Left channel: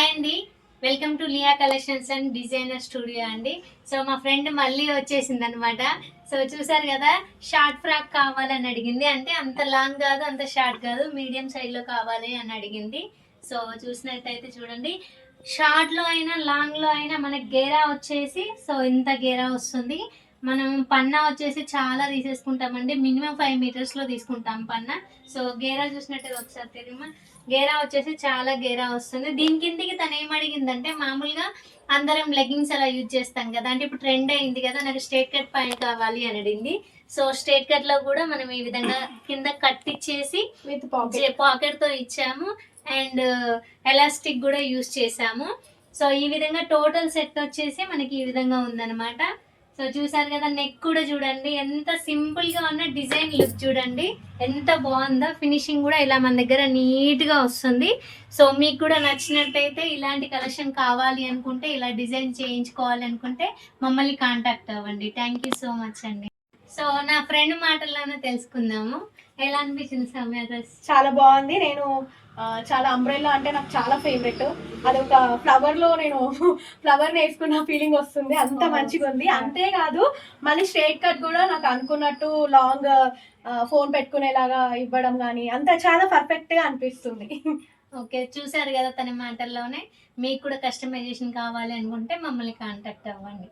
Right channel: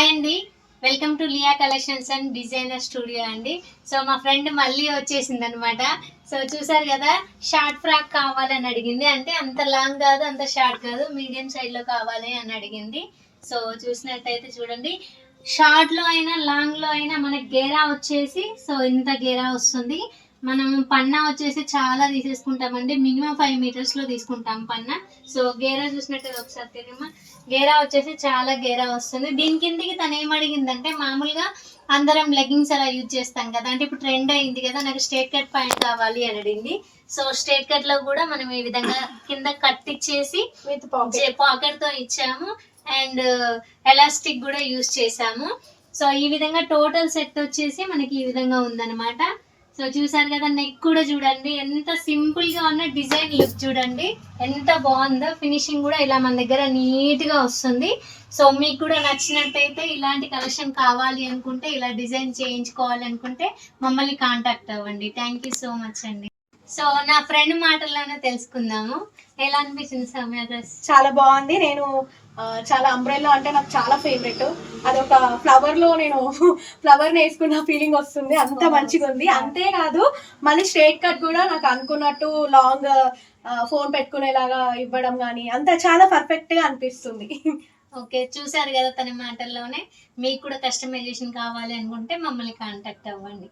Hi అండి, welcome to Liya collections and designer studio అండి. So మా ఫ్రెండ్ మళ్ళీ వచ్చేసింది అనమాట. సో చూసారు కదా, షార్ట్ ఫ్రాక్ కావాలని అడిగింది. అంటే అంత లాంగ్ కాదు, అంత షార్ట్ కాదు, మీడియం సైడ్లో కావాలి అని అడిగింది. సో చూసినట్టయితే చూడండి, షార్ట్లో అయినా లాంగ్లో అయినా మనకి గేరా వచ్చేసి సో ఇంత గేరా వస్తుంది. మనం పన్నా వచ్చేసి చాలా తీసేసుకుంటామండి, మినిమం 5 మీటర్స్లో తీసుకుంటాం పన్నా. సో గేరా చూసినట్టు ఒకసారి తెలియమా, గేరా వచ్చేసి చాలా గేరా వస్తుంది. దీని కిందికి తను ఏం అడిగిందంటే, మామూలుగా అందరం లెగ్గింగ్స్ అలా యూజ్ చేస్తాం కదా, అంటే ఇప్పుడు ట్రెండ్ అయింది కదా, నాకు స్ట్రేట్ కట్ పాయింట్ కావాలి అని అడిగింది. సో స్ట్రేట్ కట్ లో కూడా మనం ఈ విధంగా కింద కట్ ఇచ్చేసి విత్ పాకెట్ తో ఇచ్చాము, అండ్ ఎలాస్టిక్ కూడా యూజ్ చేసాము. సో ఈ విధంగా టోటల్ సెట్ వచ్చేసి మనకి ఈ విధంగా ఉందన్నమాట. సో చూసారు కదా, నెక్ కూడా చూడండి ఎంత సింపుల్ గా ఉన్న డిజైన్, లుక్ చూడండి ఎంత బాగుందో. ఫినిషింగ్ కూడా ఇలా మన దగ్గర నీట్ గా వస్తుంది. సో మీకు కూడా నచ్చినట్టయితే, ఇలాంటి కలెక్షన్ కావాలి అనుకుంటే, ఇలా డిజైన్ చేయించుకోవాలి అనుకుంటే మమ్మల్ని కాంటాక్ట్ అవ్వండి. థ్యాంక్ యూ సో మచ్ అండి. సో నా ఫ్రెండ్ మాటల్లోనే తెలుసుకుందాము, ఎలా అనిపించింది సౌమ్య డ్రెస్? చాలా బాగుంది. నేను చాలా అంబ్రెల్లా అంటే నాకు చాలా ఫేవరెట్. అదొక ఫ్లవర్ లో నేను ఫ్లవర్ వేసుకున్న ఫీలింగ్ వస్తుంది, అంత మంచిగా ఉంది. అంతేకాదు మళ్ళీ స్ట్రేట్ కట్ కూడా నాకు అనుకున్నట్టు లాంగ్ ఫోన్ పెట్టుకునేలాగా ఇవ్వడం కానీ అంత చాలా పర్ఫెక్ట్ గా అనిపిస్తుంది. ఓకే, చూసారు కదా తన మాటల్లోనే. మీకు కూడా కస్టమైజేషన్ కావాలి అనుకుంటే మమ్మల్ని కాంటాక్ట్ అవ్వండి.